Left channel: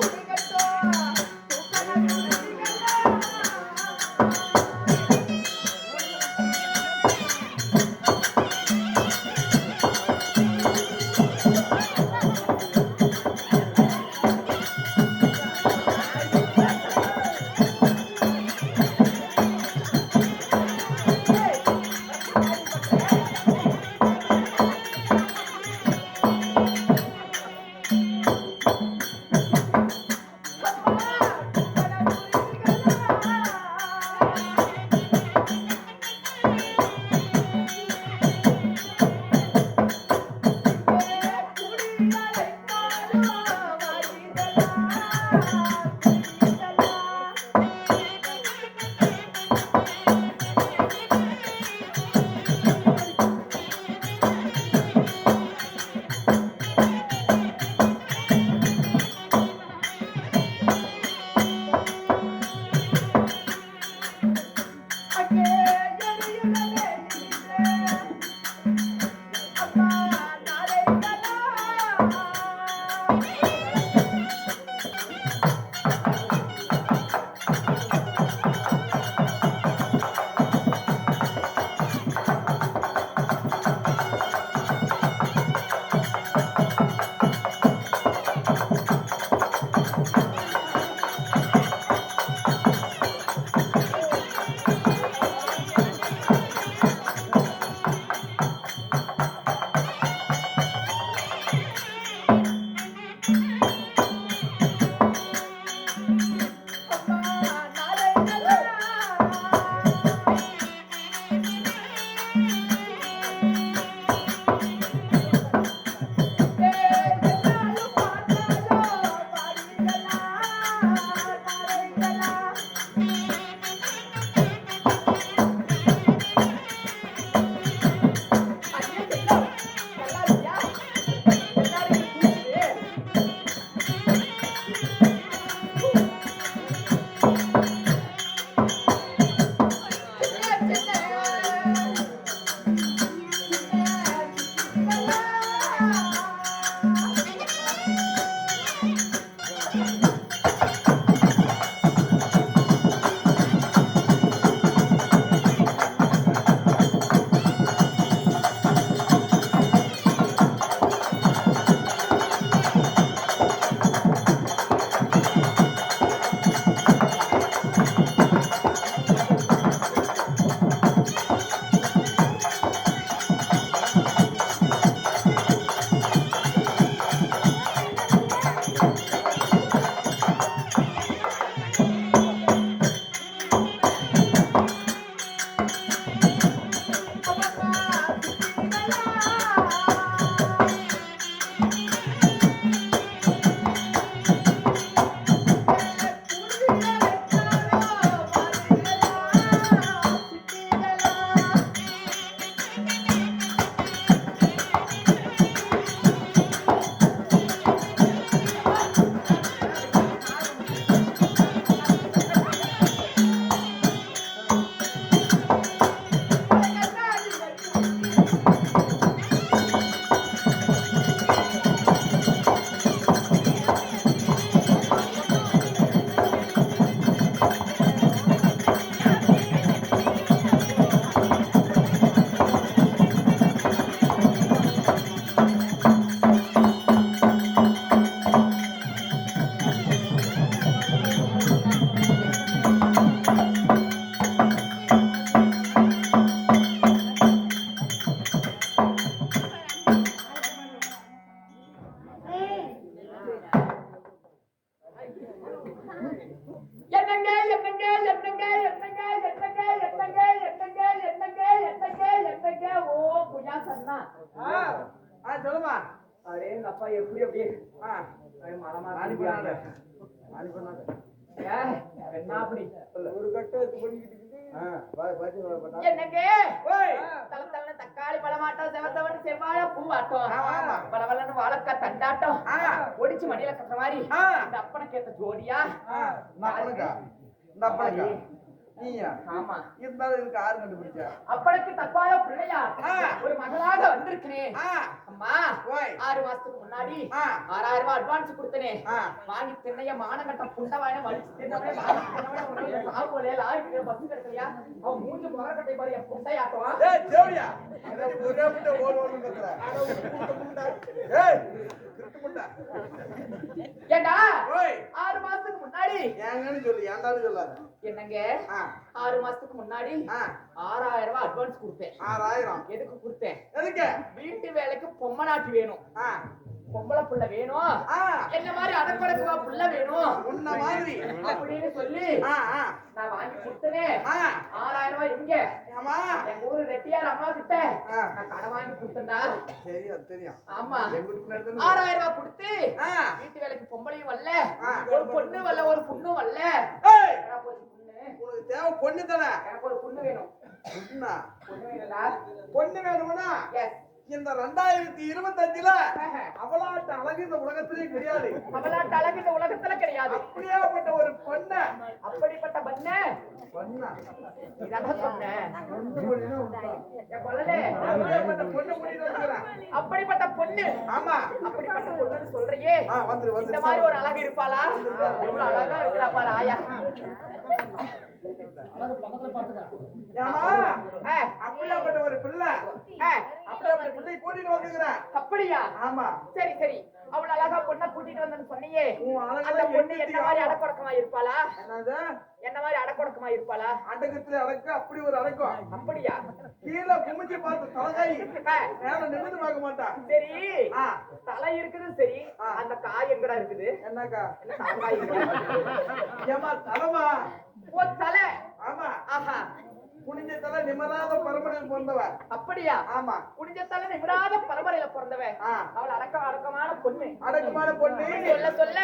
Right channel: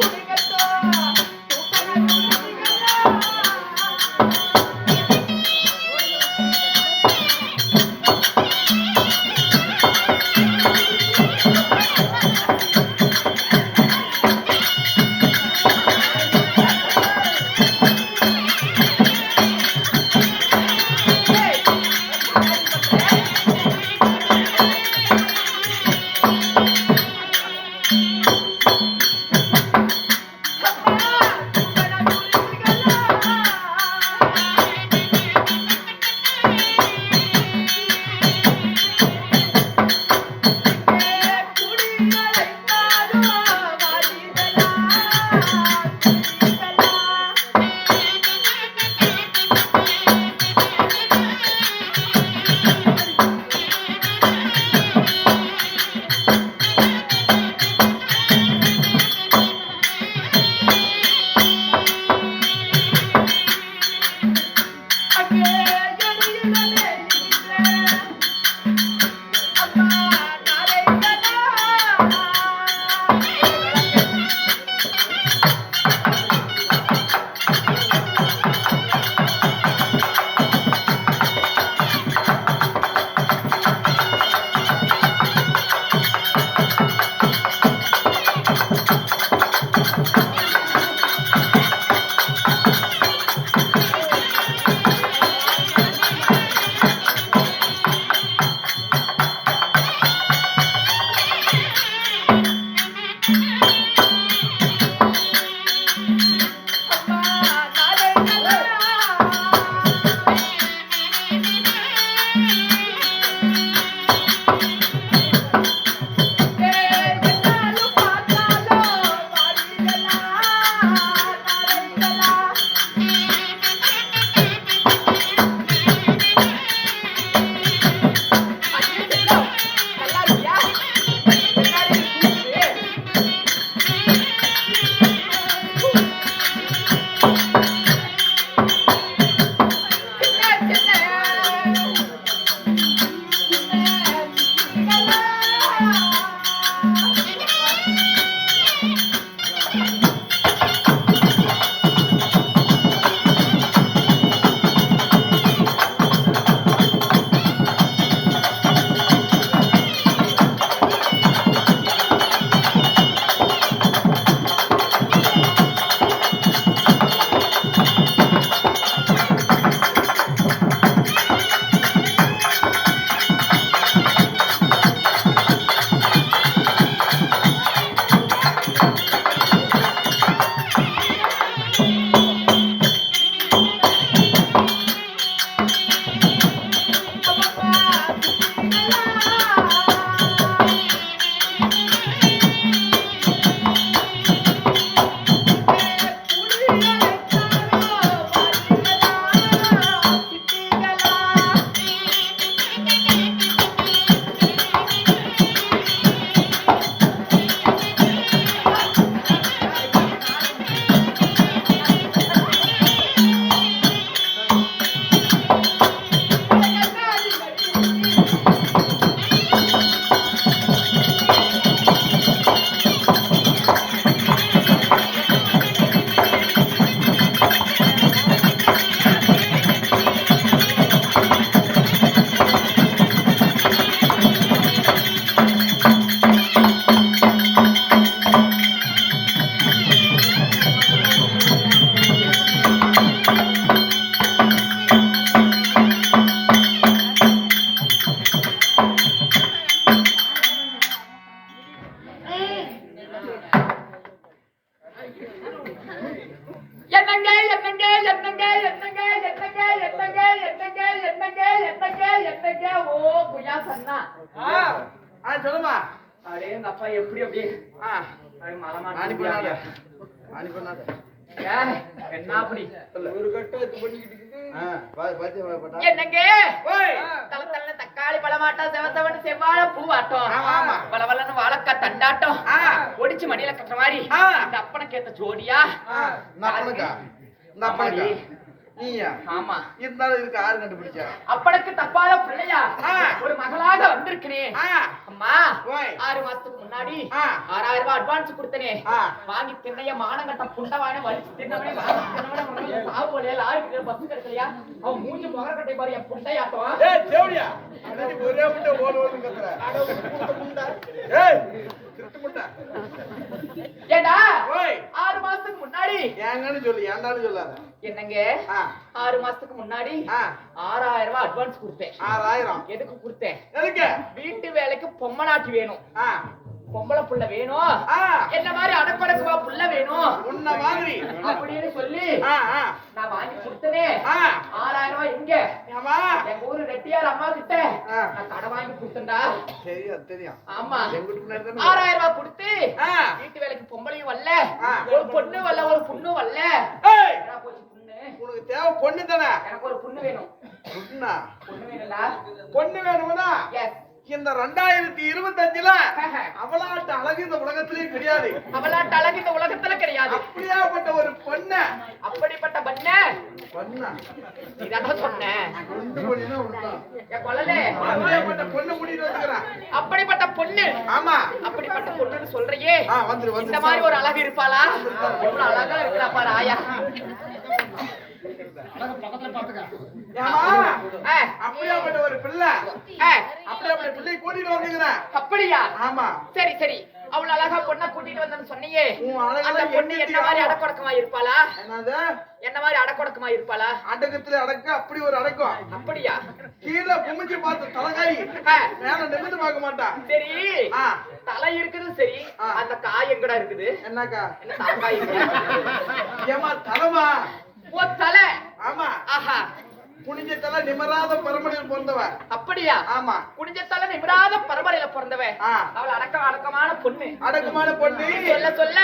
comigo. ஆ சொல்லுமா. அடே எங்க செவ்வாழ பூவாட்டம் பல வல்லன்னு வாழக்கா தண்டாட்டம். ஒடிச்சு மடியில கட்டுற மாதிரி. இந்த அப்பனை கேத்த ஜோடியா? நீயா? ஆமா. இருந்தாலும் இதுக்கு ஆறு கண்டுபிடிச்சா? அப்பனுக்கு தப்பாத பிள்ளையா. ஒரு மகளாக வந்திருக்கிறேன். அம்மா. ஆறு மாசத்துக்கு முன்னாடி. ஆறாயிரம் ரூபாய் அட்வான்ஸ் கொடுத்தனே. வாங்கி தின்னைய மானங்கட்ட புண்டவான வலிச்சு தின்னவனே வாங்கி தின்னவனே சாவு வழியா லாரி பஸ் கிடைக்கலையா அவன் மூஞ்சி முகரக்கட்டை பாரு என் புண்டையாட்டம். ஏய் தேவடியா? ஒரே முட்டை ஓடு ஓடு கத்துற? ஏய் திருட்டு முட்டை. ஏண்டா? ஓய் முன்னாடி ஏங்கன்னு சொல்லு ஏன்டான்னு சொல்லாத. என்னங்க? ஆறு மாசத்துக்கு முன்னாடி ஆறாயிரம் ரூபாய் அட்வான்ஸ் கொடுத்தேன். ஆறாயிரம். எதுக்கு கொடுத்தேன்? எதுக்கு? வீட்டு வேலைக்கு பொம்மனாட்டி வேணும். ஆ. பொம்பளை புள்ள வேணும். என்ன மாதிரி அடக்கொடக்குவா புள்ள வேணும். உன்ன மாதிரி. அப்படின்னு சொல்லி நான் வாங்கி கொடுத்தனே. ஆறாயிரம் ரூபாய் இங்க. ஆமா எங்க ஊரு ரெட்டியார் அம்மா கிட்ட. நான் கடை வாங்கி கொடுத்தேன்டா. தெரியும் தெரியும். ஆமா. எங்க ஆறாயிரம் ரூபாய் கொடுத்து வீட்டு வேலைக்கு பொம்பளையும் வரல. ஒரு பொண்ணு வரல ஒரு புண்ணு வரல. உனக்கு தேவை பொண்ணு தானே? எனக்கு ஒரு புண்ணு வேணும். பொண்ணா? பொண்ணு வேணும்டா. பொண்ணு வேணும்னா? எஸ் இந்த ரெண்டாயிரத்தி இருபத்தஞ்சுல அவளாட்ட அழகு இந்த உலகத்திலேயே கிடையாது. அவளாட்ட அழகு இந்த உலகத்துல கிடையாது. அப்படியாப்பட்ட ஒரு பொண்ண. அப்படிப்பட்ட பண்ண? பொண்ணா? இதான் சொன்னேன் பொண்ணு வந்துக்கிறான் அப்படிப்பட்ட பொண்ணு. ஆமா. அப்படிப்பட்ட பொண்ணுன்னு சொல்றியே. இந்த மாதிரி ஒரு அழகு இருப்பாளா? அழகா இருக்கிறா பாரு ஆயா. அப்படியாப்பட்ட ஒரு பிள்ளை. அப்படியாப்பட்ட பிள்ளை கூட்டிட்டு வந்துக்கிறேன் அப்படியா? ஆமா. சரி சரி. அவ்வளவு அழகா பொண்ணை கூட்டிட்டு வந்தேன்னு சொன்னியே. அந்த பொண்ணு என்ன மாதிரி. அடக்கொடக்கமா இருப்பாளா? என்னது? என்ன மாதிரி அடக்கொடக்கமா இருப்பாளா? அடக்கத்துல அடக்க அப்படி ஒரு அடக்கம். அப்படியா? கீழே குமிஞ்சு பார்த்து தலைகாய் மேல நிமிந்து பார்க்க மாட்டான் சரி. தலை இருக்குது சரி. அந்த காய் எங்கடா இருக்குது? என்னக்கா? என்ன எங்கடா? ஏமா தலைமா? ஓ தலை. ஆமா. ஆஹா. குனிஞ்ச தலை நிமராத பரமனையில் பிறந்தவ அப்படியா? ஆமா. குடிஞ்ச தலை நிமிராத பரம்பரையில பிறந்தவ. அவள் அடக்க அடக்கமான பொண்ணு. அடக்கமான பொண்ணு. சொல்ல சொல்ல.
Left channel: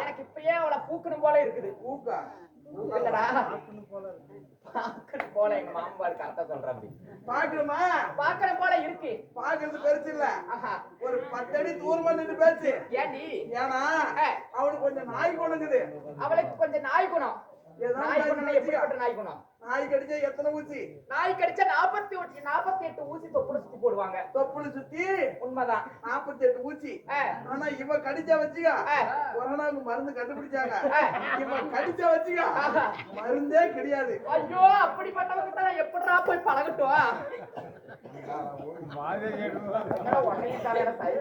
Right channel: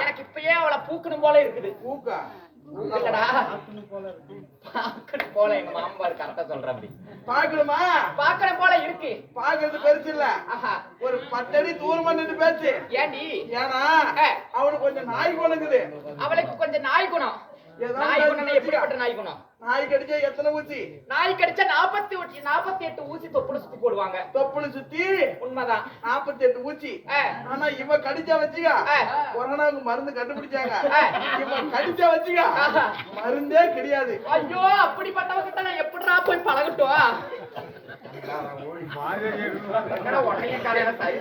எனக்கு இப்பயே அவளை பூக்கணும் போல இருக்குது. பாக்கணும் போல எங்க மாமபார் கரெக்டா சொல்ற அப்படி. பாக்கணுமா பாக்கணும் போல இருக்கு. பாக்குறது பெருசு இல்ல. ஆஹா. ஒரு பத்தடி தூரமா நின்று பேச்சு. ஏண்டி ஏன்னா. அவனுக்கு கொஞ்சம் நாய் குணங்குது. அவளுக்கு கொஞ்சம் நாய் குணம். நாய் குணம் எப்படிப்பட்ட நாய் குணம் நாய் கடிச்சா எத்தனை ஊசி? நாய் கடிச்சா நாற்பத்தி ஒட்டி நாற்பத்தி எட்டு ஊசி தொப்புல சுத்தி போடுவாங்க. தொப்புளு சுத்தி? உண்மைதான். நாற்பத்தி எட்டு ஊசி. ஆனா இவ கடிச்சா வச்சுக்க. கொரோனாவுக்கு மருந்து கண்டுபிடிச்சாங்க. இவ கடிச்சா வச்சுக்க. மருந்தே கிடையாது. ஐயோ அப்படிப்பட்டவங்கிட்ட நான் எப்படிடா போய் பழகட்டும்? காலையில. தார்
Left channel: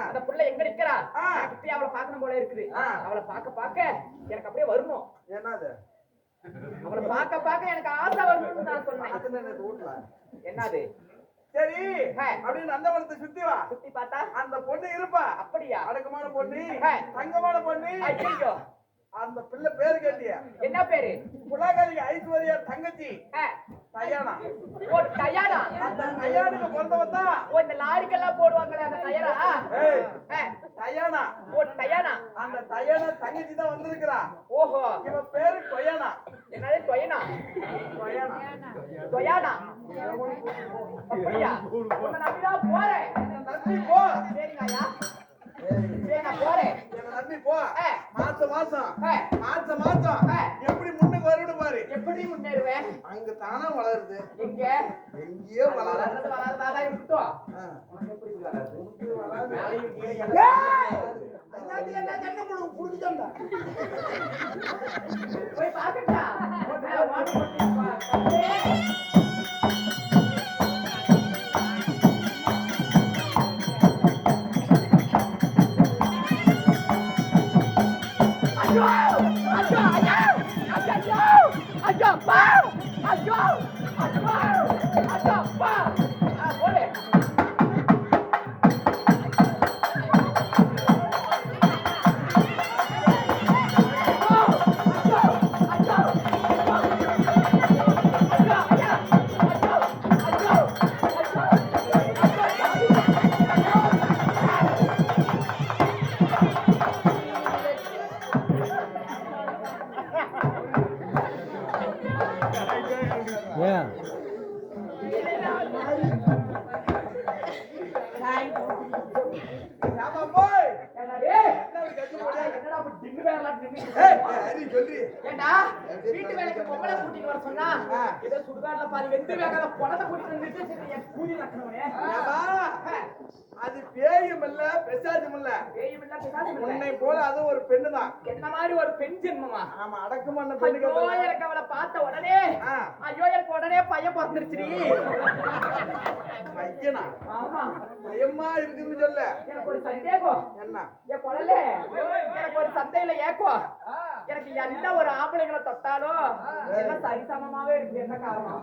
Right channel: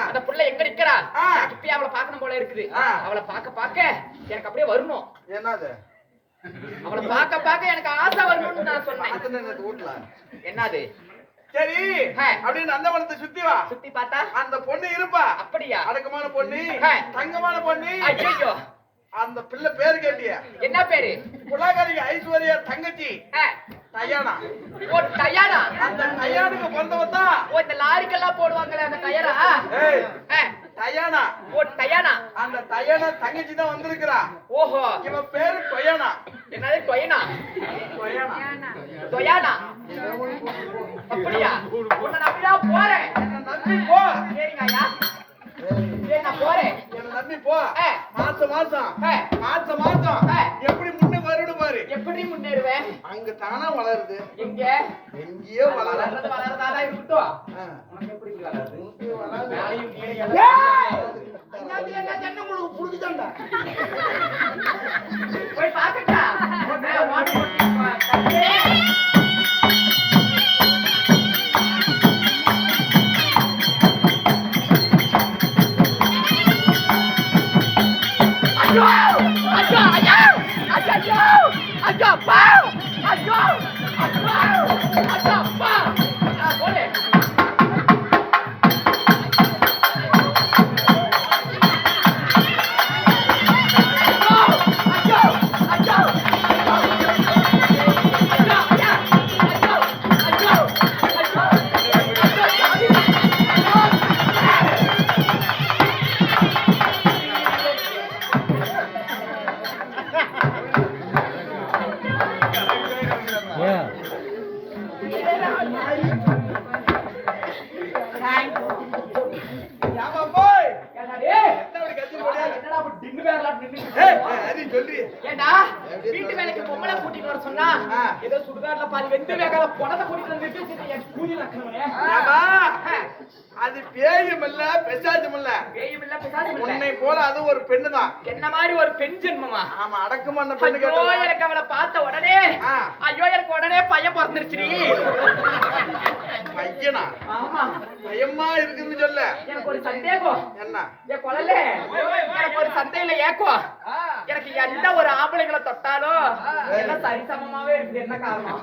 அந்த புள்ள எங்க நிக்கிறா? இப்பயே அவளை பார்க்கணும் போல இருக்குது. அவளை பார்க்க பார்க்க எனக்கு அப்படியே வரணும். என்னது? அவளை பார்க்க பார்க்க எனக்கு ஆசை வரணும்னு நான் சொன்னேன். என்னது? சரி ஆ. அப்படியே நந்தவனத்தை சுத்தி வா. சுத்தி பார்த்தா? அந்த பொண்ணு இருப்பா. அப்படியா? அடக்கமான பொண்ணு. தங்கமான பொண்ணு. ஐயோ அந்த பிள்ளை பேரு கேட்டிய. என்ன பேரு? குலாகரி ஐஸ்வர்யா தங்கச்சி. தயானா ஓ டயானா? அந்த தயானுக்கு பிறந்தவன் தான். ஓ இந்த லாரிக்கெல்லாம் போடுவாங்களே அந்த ஆ, தயானா ஓ டயானா? அந்த தயானா தங்கச்சி தான் வந்திருக்கிறா. ஓஹோ. இவன் பேரு டொயானா. என்னது டொயனா? டொயானா. டொயானா? அப்படியா? உன்னை நம்பிதான் போறேன். நம்பி போ. சரிங்க ஐயா. சரி நான் போறேன். என்ன நம்பி போ. மாசம் மாசம். மாசம் மாசம். எப்படி முன்னுக்கு வருடு பாரு. எப்படி முன்னேறுவேன்? அங்க தானா வளருது. எங்க? எங்கேயோ வளர்றது வளர்றதாதான் இருக்கட்டும். உனக்கு எப்படி வளருது? உனக்கு வளராது. அண்ணாச்சி, என்ன உங்களுக்கு புடிச்சுதான்டா? போய் பாக்கட்டா ஐயோ அப்பா ஐயோ அப்பா ஐயோ இல்ல பேயும் இல்ல பிசாசும் இல்ல உன்னை போல அது ஒரு பெண்ணு தான் என்ன மாதிரி ஒரு பெண் ஜென்மமா? ஆமா அடக்கமான பெண்ணு ஐயோ கேட்டா எனக்கு அவளை பார்த்த உடனே. ஐயோ எனக்கு உடனே பையன் பிறந்துருச்சுடி. பையனா? ஆமா. பயமா இருக்குன்னு சொல்ல. எனக்கு ஒரு சந்தேகம் என்ன? என் குழந்தை எனக்கு ஒரு சந்தையில ஏக்கம் எனக்கு எந்த ஒரு ஆம்பளைங்களை தொட்டாலும் எல்லாம் சரிசமமாவே இருக்குது என்ன காரணம்?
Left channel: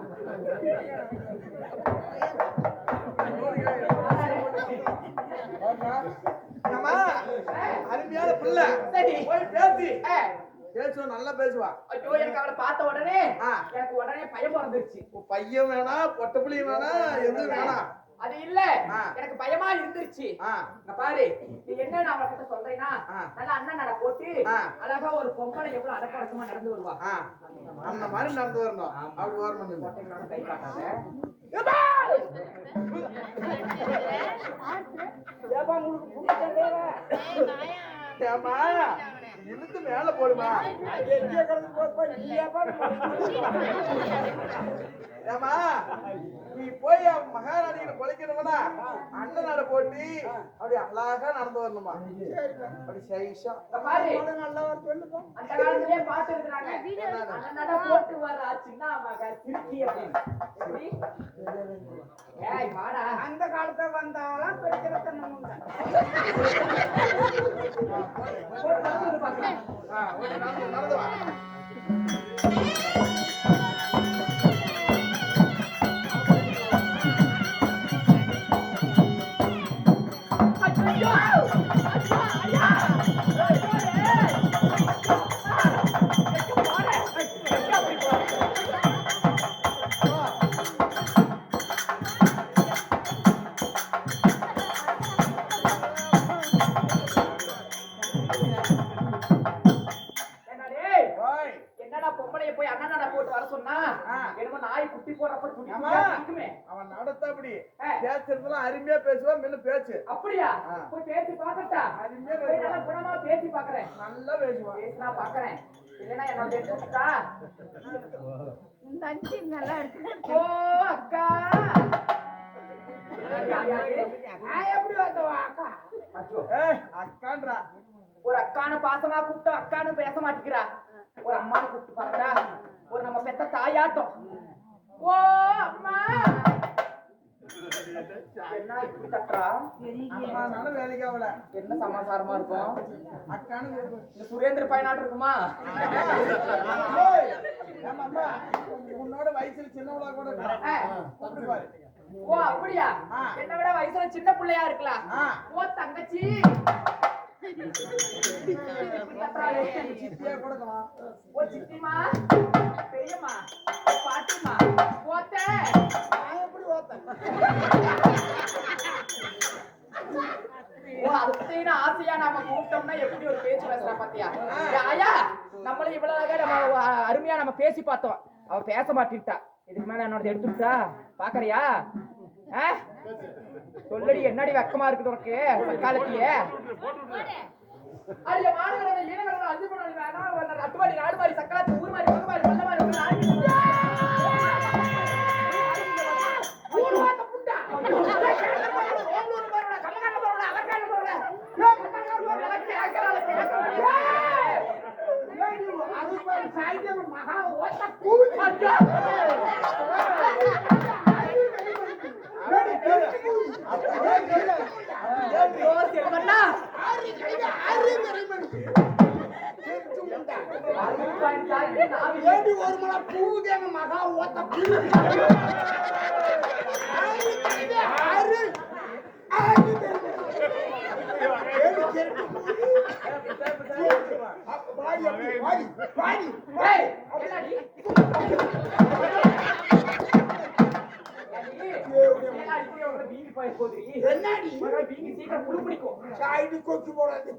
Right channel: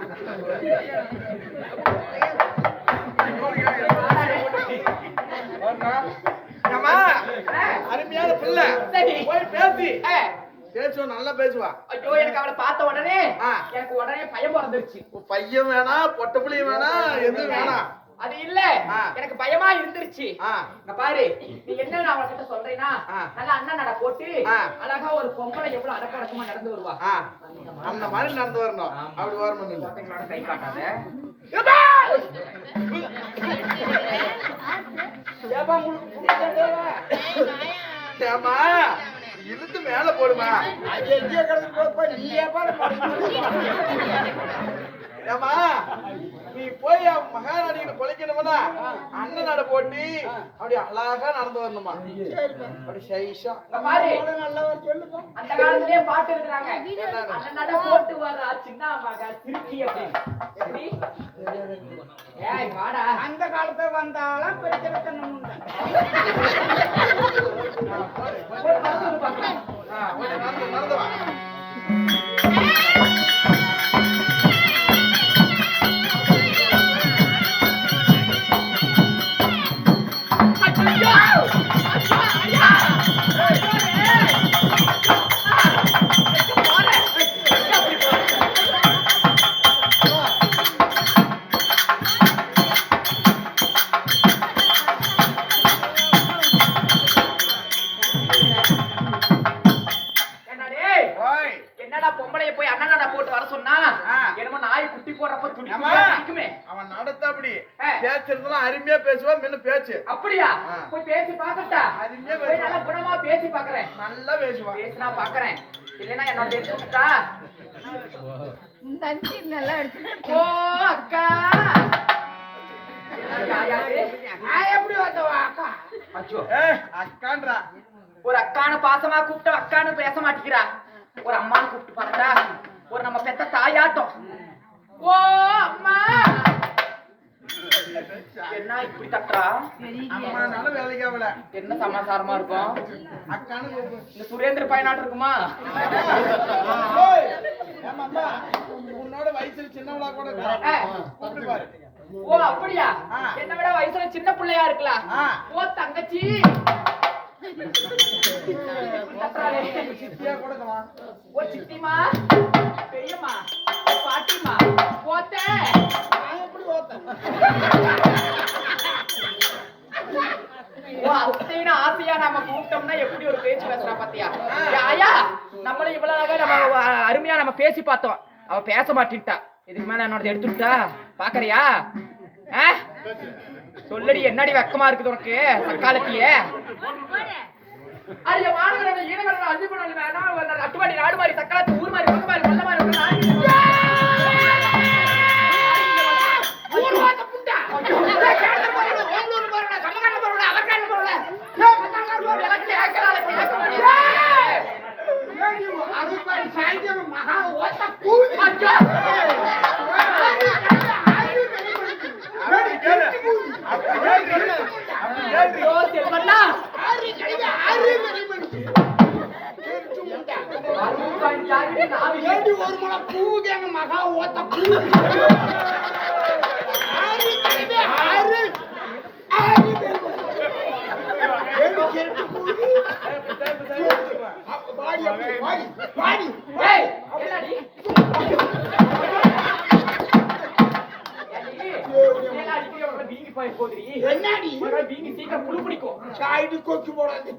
ஏமா அருமையான பிள்ளை. போய் பேசி. பேசுவா நல்லா பேசுவா? ஐயோ எனக்கு அவளை பார்த்த உடனே. எனக்கு உடனே பயம் பிறந்துருச்சு. பையன் வேணாம் பொட்ட பிள்ளையும் வேணாம் எதுவும் வேணாம் அது இல்ல. எனக்கு பயமா இருந்துருச்சு. பாரு நீ என்ன நான் அவகிட்ட சொல்றேன்னா. நல்லா அண்ணன் நட போட்டு. அழகா ஒரு பொம்பளை எவ்வளவு அடக்க அடக்கமா நடந்து வருவா. அந்த மாதிரி நடந்து வரணும். அப்படி வரணும் கை காட்டாத. ஏமா இழுத்து மேல போடுமா. அது எங்கே கிடந்து போப்பா நீ ஏப்பா ஏமா நீ போய் அவன் மகாராணியில கொலைக்கணும்னா அண்ணன் நட போட்டி. அப்படி அழகா நடந்து வரணுமா? அப்படி சைஷா அந்த காலத்திலேயே பாட்டு இருக்கிறாங்க? அந்த நட போட்டு வர சின்ன மக? ஏய் வாடா. அந்த காலத்துல வந்தாலும் பெரிய பேசுவா முன்ன பேச்சு. அப்படியா. போய் பேசி பாக்கட்டா அருமையா போய் நல்லா குணமா பேசி பாக்குறேன் நல்லா பேசுவா. பேசினா பாக்குறேன் இல்லைன்னா என்னோட பேசி விட்டுட்டா இந்த அஞ்சு நல்லா எடுத்து ஓ அக்கா. யாரு? நான் எப்படி வந்தவா அக்கா? அச்சோ. ஏ. அக்கான்றா. ஒரு அக்கானு பாசமா கூப்பிட்டு அக்கானு பேச மாட்டேங்கிறா. ஒரு அம்மானு கூப்பிட்டு பாக்கடா ஒரு நம்ம பெத்த தாயாட்டம். ஓ அம்மா. என்ன இப்படி தட்டுறா அம்மானாலும் வேலைக்கு ஆகல என்ன சமாசாரமா இருக்கும் அக்கானு. இந்த சுரேந்திர பயனாட்டு இருக்குமா உன்னோட வயசுல சின்னவளா கூட. கூப்பிட்டு பாரு ஓ அப்படியா. என்ன விட வயசுல சின்ன பிள்ளையா இருக்கலாம். ஓ தங்கச்சி. சித்தியா கூட ஓ சித்திமா பெரியம்மா பாட்டிமா போத்த நான் எப்படி ஓத்தேன் அத்தைன்னு ஆசையா நாம கூப்பிட்டோம்னா எப்படி ஒரு பேச்சு பேசுறா பாத்தியா ஆயா நம்மளும் இவ்வளவு அழகா நம்ம அருமையா நம்ம பேசி பார்த்தோம் அவ பேச மாட்டின்ட்டா இதுக்கு மேல என்னோட எடுத்துட்டா பாக்குறியா ஆ? சொல்லடி என்னடி வெக்கமா இருக்குது உனக்கு? தக்காலத்திய அதுல மாநகரங்க ஈனகரங்க அஞ்சு பண்ணல வேணாம் அட்டுவாடி நாடு மாதிரி சக்காலத்து ஊர் மாதிரி உலக மாதிரி மாதிரி உள்ள நாடு ஊர்வாக்க புண்டா ஐயோ கேட்ட போறல ஓம்பலூர் போறல கம்மகால போறல அவர்கால போறல ஏ மத்தங்கால போறல கேக்கறால அறுபது சாய்ந்தரம் மகா ஓத்த கூவி ஐயோ அப்படி கேளு. அப்படி கேளு. அப்படி கேளு. ஐயோ செல்வண்ணா ஆறு கழிவு ஆறு மணி மணிக்கு அறுபது ஜாகிர நாவி ஏடி ஒரு முளை பூவுக்கு எங்க மகா ஓத்த பூ ஆறு கழுதை, ஆறு ஆறு கழுதை. ஏடி கெட்டு போகுது. அப்ப வாடி அப்படி, வாடி, வாடி, ஏய் வாடி. என்னடி ஏடி, என்னடி வீங்கி சீக்கிரம் புழு பிடிக்கும்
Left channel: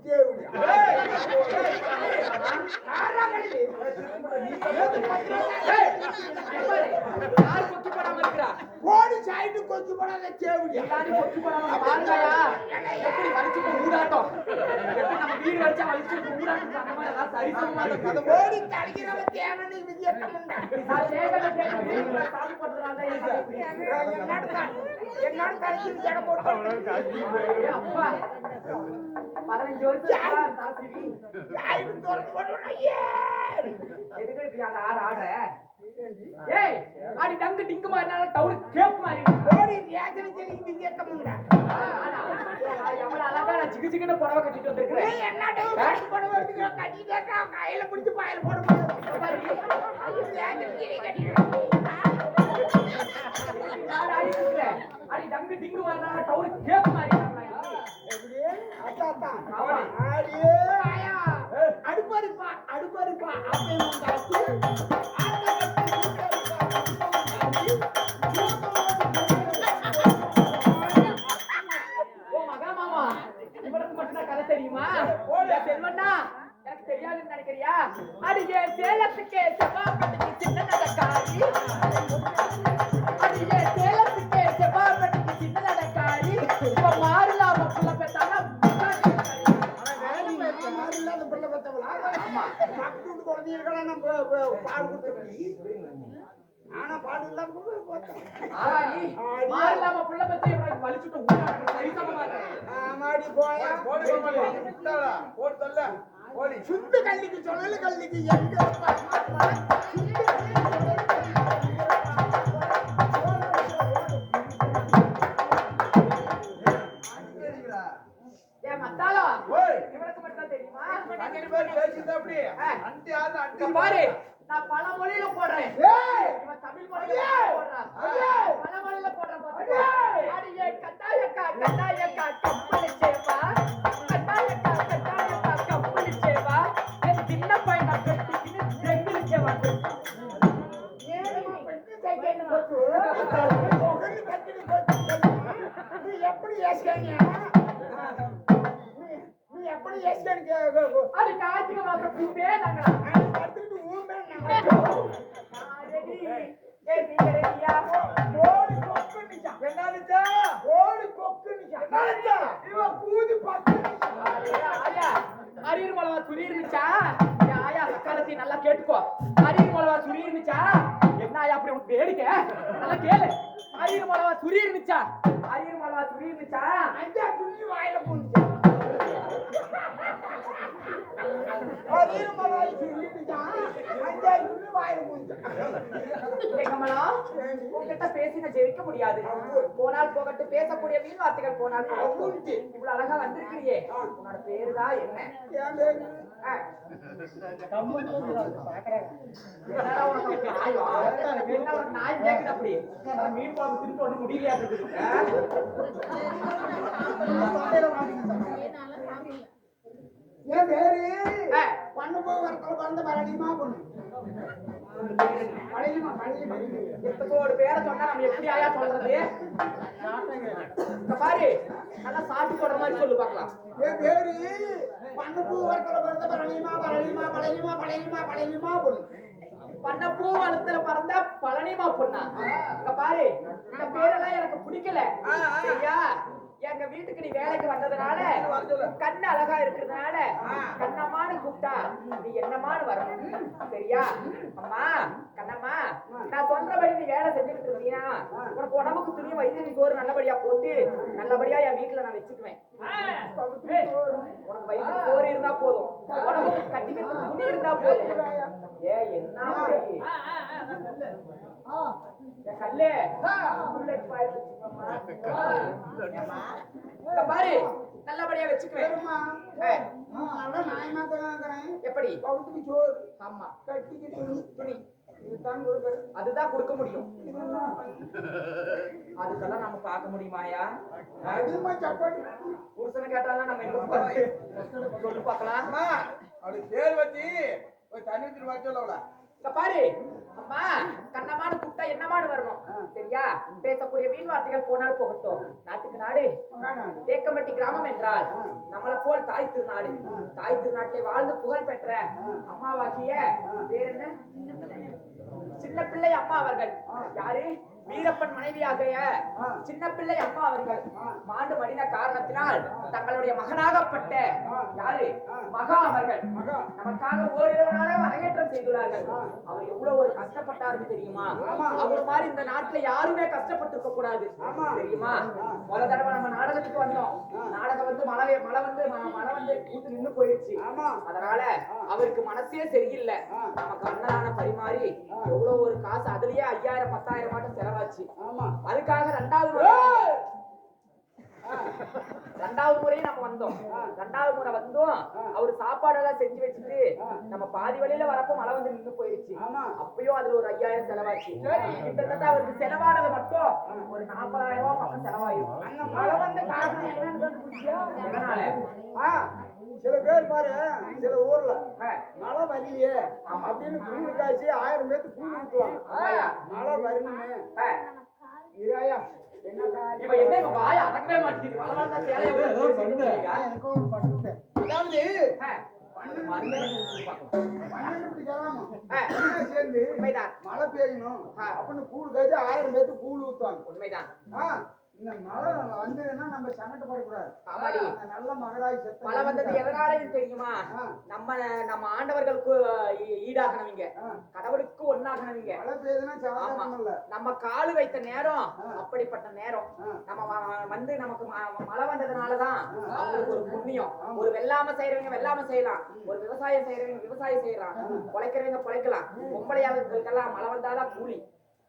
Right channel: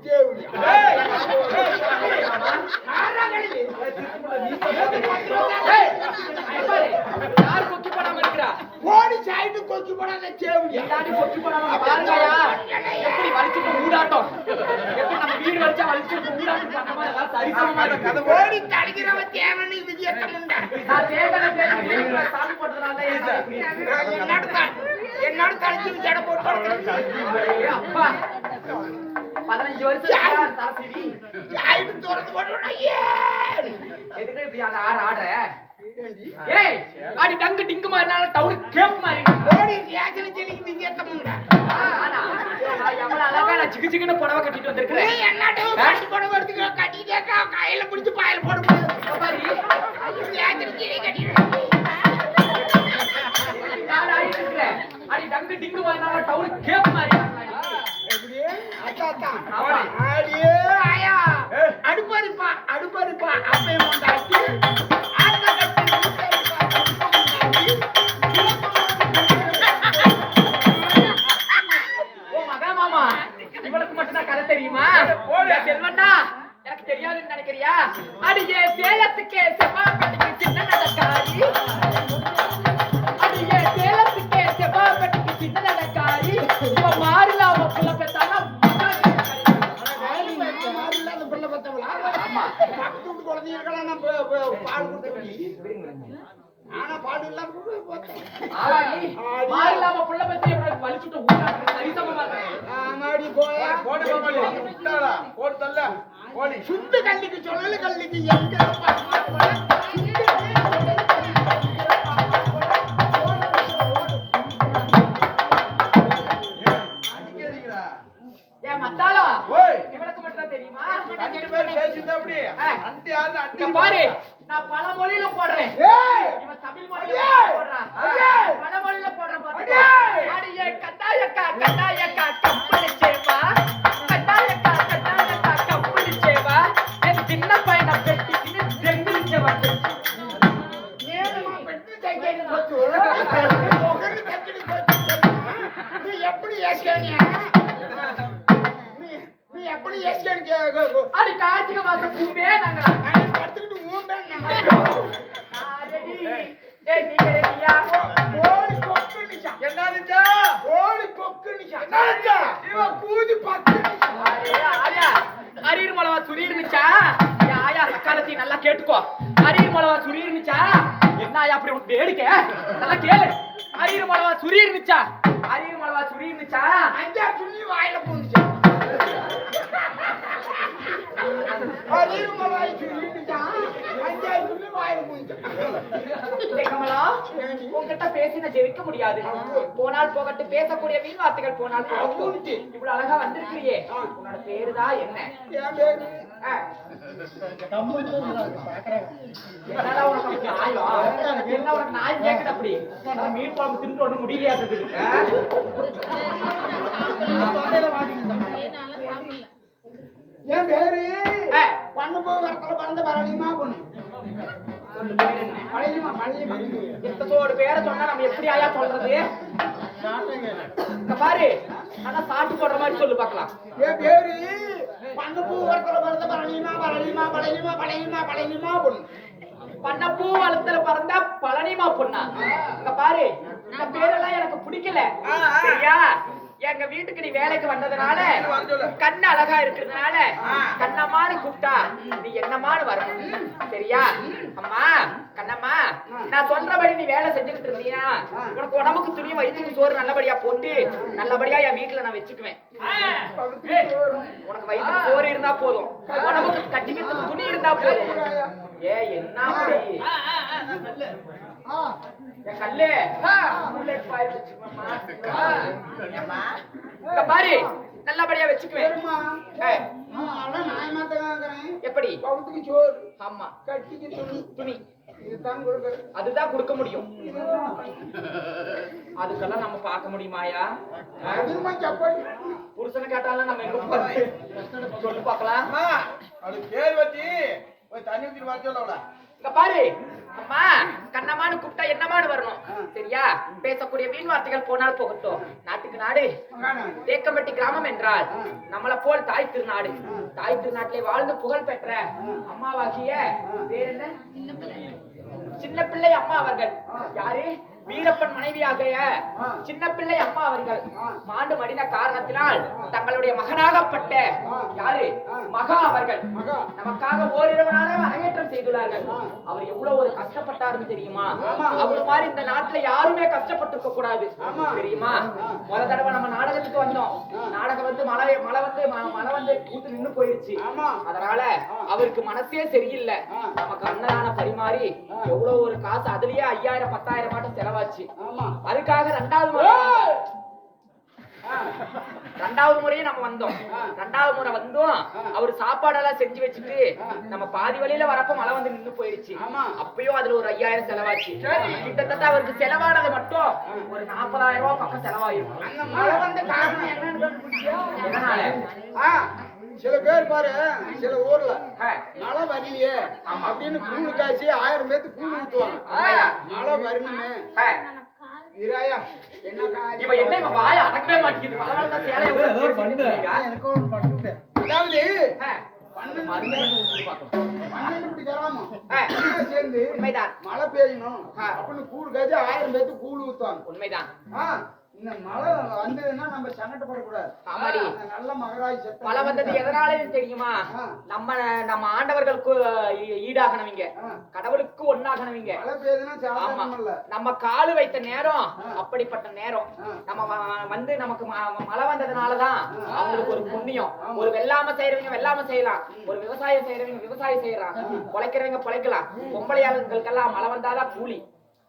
தேவடி ஆறா கழுதை. போடாம இருக்கிறா? ஓடி சாய்டு கொச்சு போடாத தேவடி எல்லாரும் கொக்கி போடாம பாருங்கயா எப்படி வலிச்சுட்டு ஊடாட்டம்? எப்படி நம்ம வீடு வலிச்சா வலிச்சுட்டு ஊடாட்டம்? பண்றோமோ அதெல்லாம் சரிசமமா இருக்கு. ஓடி தடுக்கிறவ தேவனி விஜயத்தமுண்டா நான் தேர்தலை தேர்தலை சாமி போட்டதுனால தான் ஏன் சாமி இப்படி இருக்கு? என்னோட த- என்னோட தடுத்து ஜட போட்டு கிடக்குறது. ஏய், அப்பா. பதினஞ்சு வருஷம் தரசிடி சாய்டு திறந்து போட்டு ஐயே! எதுக்கு இப்படி அந்த ஆறு ஆடுற? ஏய் அடி டங்கு டிங்கு மாதிரினால டவுன் கேப் மாதிரி. ஓடி ஆ, ஆனா எவ்வளவு அழகா நான் சிக்கு சிக்குன்னு புடவை கட்டிட்டு வந்திருக்கிறேன். என்னட்டு கட்டி போட வரதுக்கு கட்டிட்டே கா- கையில பிடிச்சு பாயில போட. முடியாது கட்டிட்டு நான் இருக்கிறேன். அடி டங்கு டிங்கு மாதிரினால டவுன் கேப் மாதிரி. எப்படியே? ஆமா. அடியே ஆயா. அடுப்பறிப்பா அடுப்பறிப்பா அப்பே மொண்டாட்டி செல்வண்ணா? எனக்கு தெரியாதுன்னு நினைக்கிறியா? அடியே சேலத்துக்கே செவ்வாய்ப்பட்டிக்கு சின்ன நடக்காரி ஆனா பாடு இல்லாத பிள்ளை பெத்து வலிச்சுட்டு சரிசமமா இருக்கு. சுத்து கல்லிக்கு சொல்லல கல்லிக்கு எங்க இருப்பா? சுத்து கல்லிக்கு சொல்லல கல்லிக்கு வேடிக்கை நல்லா கேளு. அரியர் மலவா சுரி இருந்துச்சா? அரியர் மலவா சுரி இருந்துச்சா? அஞ்சா துள்ளி வாயில பூந்துச்சா. அஞ்சா வாயில. டேய் கமலம் உன்கிட்ட பேசி நான் ஜெயிக்க முடியாது. போனால் போகட்டும் பேசக்கூடிய வீண் வார்த்தைகள் போனால் போகட்டும். இவ்வளவு அழகா வந்திருக்கிறியே. உன்னோட பேருதான் என்ன? என்ன நாய் கேக்குது மீன் குழம்பு தின்னுட்டு ஒண்ணும் முடியலையா இருக்குது? என் பேரு பண்ணு வரத்துல பறந்த பொண்ணு பேரு இத்தத்தோடு சொன்னா நம்ம எப்படி ஆயா சொல்றது? பாரு நல்லா சாட்டு போடுற மாதிரி சொல்லு பார்க்கலாம். என் பேரு? பண்ணு பூ வரத்துல பறந்த பரணிமா பரணிமா பழனிமா பழனிமா பழனிமா பொண்ணு. பண்ணப்பூ வளத்துல பறந்தா பழனிமா பொண்ணா? இங்க பாரு இந்த பேரெல்லாம் எனக்கு பிடிக்கல. சரியா? எங்க வீட்டுக்கு நீ வேலைக்கு வந்ததுனால. கண்ணு அழகா இருக்கிறதுனால. கண்ணம்மான்னு கூப்பிட்டா நீ என்னமான்னு வரணும் சரியா? அம்மா கண்ணம்மா நான் சொல்றபடி நீ வேலை செஞ்சுக்கிட்டு இருந்தீனா உனக்கு உடம்புக்கு துணியும் வயிற்றுக்கு சோறு நல்லபடியா போட்டு நல்லபடியா என் வீட்டுல நான் வச்சுக்குவேன். உனக்கு வயிற்றுக்கு சோறு இருந்தா போதும். உடம்புக்கு கட்டிக்கிறதுக்கு துணி இருந்தா போதும். ஏ என்ன கல்லு. இங்க பாரு நல்லபடியா வச்சுக்குவேன். எப்படி? பவுத்துக்கு சோறு. ஆமா. கட்டிக்கு துணி. துணி. அதுதான் கொடுக்க முடியும். அதுக்கெல்லாம் நம்ம பார்க்க முடியுமாயா? புருஷனை கேட்டாலும் நம்ம எங்க சொல்லு பார்க்கலாம். அவளுக்கு பேர் வச்சு தண்ணி ஊத்திட்டு வர சொல்ல அவள இங்க பாரு. அம்மா கண்ணம்மான்னு கூப்பிட்டா என்னமான்னு வரணும். சரியா? பேசக்கூடிய வீண் வார்த்தைகள் போனால் போகட்டும். நாட்டுக்கு நாடு தேக்கம்பட்டி கிராமம் என்றால் நம்மள போல் தாய் திருநாடு. தாய் திருநாட்டிலே வாழ்ந்து புகழ் பெற்ற அம்மாவாகிய பேர் என்ன சின்ன பிள்ளை அம்மா அவர்கள். யாரு? வீரப்பன் மனைவியாகிய சின்ன பிள்ளை அம்மா அவர்கள் மாண்டு மடிந்த காரணத்தினால் தங்களுடைய மகனாகப்பட்ட யாரு? மகா அவர்கள். நமக்காக ஓரிரவு நாளாக அரங்கேற்றம் செய்துள்ளார்கள். அவர் எவ்வளவு ஒரு கஷ்டப்பட்டாருன்னு தெரியுமா? அவர் மாதிரி இந்த நாட்டுல யாருமே கஷ்டப்பட்டிருக்க கூடாது. தெரியுமா? முத தடவை நம்ம நாடகத்துக்கு வந்தோம். நாடகம் வந்து மழை மழை வந்து மழை வந்து கூத்து நின்னு போயிருச்சு. அதனால அவருக்கு மனசே சரியில்லை. நமக்கு அன்னதானம் பரிமாறி எவ்வளவு ஒரு காசு அதுலயே ஐயாயிரம் பத்தாயிரம் மாட்டம் செலவாச்சு ஆமா. அதுக்காக ரெண்டாவது முறை. ரெண்டாவது முறையும் நம்ம வந்தோம். ரெண்டாவது முறை வந்தோம். அவர் சாப்பாடெல்லாம் செஞ்சு வச்சுட்டு நம்ம பாதி வழியில வரப்ப மழை வந்து நின்னு போயிடுச்சு. அப்பயும் அதுல ஒரு ஐயாயிரம் செலவாச்சு. கிட்டத்தட்ட அவருக்கு செலவானது மட்டும் ஒரு நாற்பதாயிரம் ரூபாய் பக்கம் செலவாயிருக்கும் அந்த மழை வந்த காரணம் என்னன்னு சில பேர் பாரு சில ஊர்ல மழை வரலையே ஆமா. அப்படின்னு கூழு காய்ச்சி ஆயிரம் பேத்து கூழ் ஊத்துவாங்க. மழை வரணுமே. இராயா அதாவது சேர்ந்து உண்மைதான். மழை பெய்யணும். அப்படின்னு கூழ் காய்ச்சி ஆயிரம் பேத்து கூழ் ஊத்துவாங்க. உண்மைதான். இந்த மழை வந்ததுன்னா நம்ம ஆமாடி. நல்ல மகராய் மழை வந்தது எதனாலன்னு தெரியுமா. நம்ம நம்ம ஆண்டவர்களுக்கு ஈடாகனவங்க. கடவுளுக்கு ஒண்ணாகனவங்க மழை பெய்யுதுன்னா ஆமா. சாதாரணம் இல்ல. நம்ம காலு வைத்த நேரம். அப்படிப்பட்ட நேரம். நம்ம வந்து நமக்கு மழை வந்ததுனாலதான் அவங்களுக்கு ஒரு புண்ணியம். ஒரு வெள்ளாம செய்யறவங்க வெள்ளாம செய்யலாம். ஒரு விவசாயம் செய்யறவங்க விவசாயம் செய்யலாம். பொழைக்கிறவங்க பொழைக்கலாம். பொம்பளையாளர்களுக்கெல்லாம் மழை வந்தாதான் கூலி.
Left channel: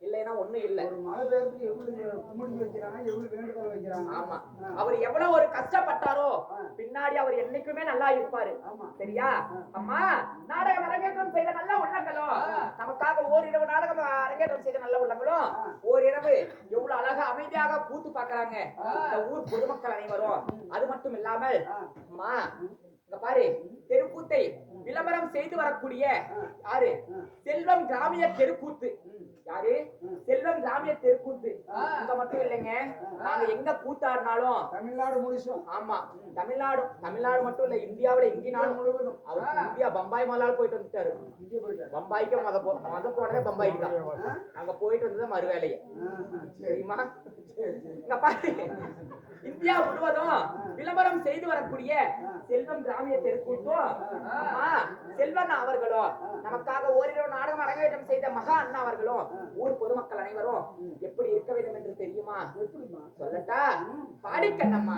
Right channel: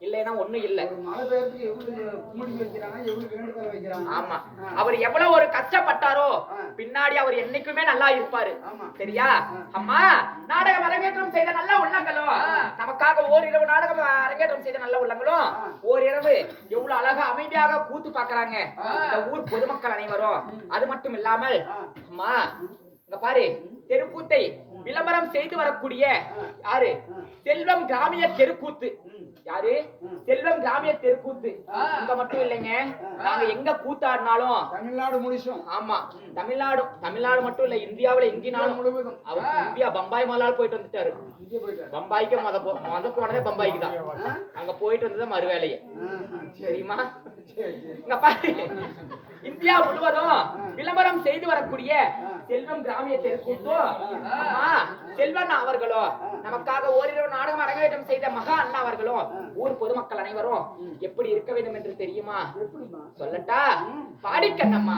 இல்லைன்னா ஒண்ணும் இல்ல. ஒரு மழை பெய்யறதுக்கு எவ்வளவு கும்பிடி வைக்கிறாங்க எவ்வளவு வேண்டுதல் வைக்கிறாங்க? ஆமா. அவர் எவ்வளவு ஒரு கஷ்டப்பட்டாரோ. பின்னாடி அவர் என்னைக்குமே நல்லா இருப்பாரு. சரியா? அம்மா நாடகம் அரங்கேற்றம் செய்த நல்ல உள்ளங்களும் நமக்காக ஓரிரவு நாடகம் அரங்கேற்றம் செய்த நல்ல உள்ளங்களும் ஓரிரவு எவ்வளவு அழகா அமைதியாக கூத்து பாக்குறாங்க. இந்த ஊர் பொதுமக்கள் அனைவரும். அது மட்டும் இல்லாமல் அம்மா இங்க பாரு தெருக்கூத்தை விளம்பரம் செய்து வரக்கூடிய யாரு? செல்வம் கிராமிய தெருக்கூத்து. யாரு? செல்வம் கிராமிய தெருக்கூத்து. இங்க மட்டும் இல்லைங்க. நாங்க எங்க கூத்தாடினாலும் தமிழ்நாடு முழுசும். ஆமா தமிழ்நாடு தமிழ்நாடு மட்டும் இல்ல இந்தியாவுல எங்கினாலும் முழுவதும். அவர் இந்தியா பம்பாய் முதலால் போயிட்டு வந்துட்டாரு. இங்கே போயிட்டாரு. பம்பாய்க்கு மொத போ- மொத போனதே பம்பாய்க்கு தான். அங்க போயிட்டு வந்தது மறு வேலையை ஆ, ஆ, சரி. தெரியுமா? சரி சரி. இங்க பாரு. இந்தியா முழுவதும் விளம்பரம் செய்து வரக்கூடிய செல்வம் கிராமிய தெருக்கூத்தும் அம்மா செல்வன் அவர்களோ நமக்காக ஓரிரவு நாடகம் அரங்கேற்றம் செய்த மகா அண்ணா அவர்களும் ஊர் பொதுமக்கள் அனைவரும் எப்படி இருக்க வேண்டும் என்று தெரியுமா? சொல்லட்டா? பாடிக்கண்ணம்மா.